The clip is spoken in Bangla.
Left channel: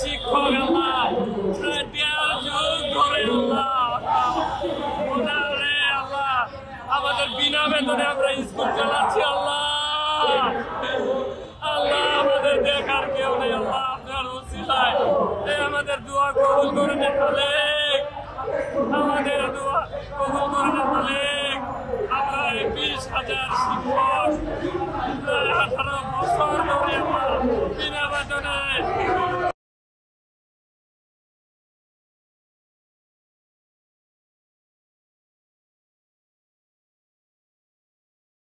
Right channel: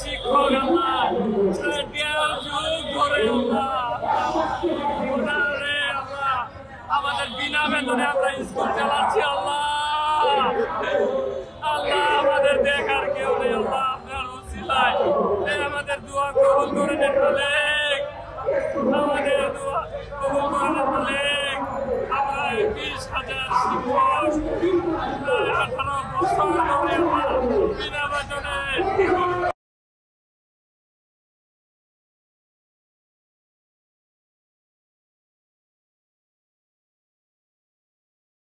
শিক্ষক আল্লাহ প্রায় 1.5 যুগ ধরে আল্লাহ আমাদের বিনা বেতনে আমরা স্কুল চালাচ্ছি আল্লাহ আমাদের দেখার কেউ নেই আল্লাহ আপনার ওসিলায় আমাদের দোয়া কবুল করে নেন মালিক আমাদের দোয়া কবুল করে নেন মালিক আমরা 20,000 শিক্ষক প্রায় 18 বছর ধরে আমরা বিনা বেতনে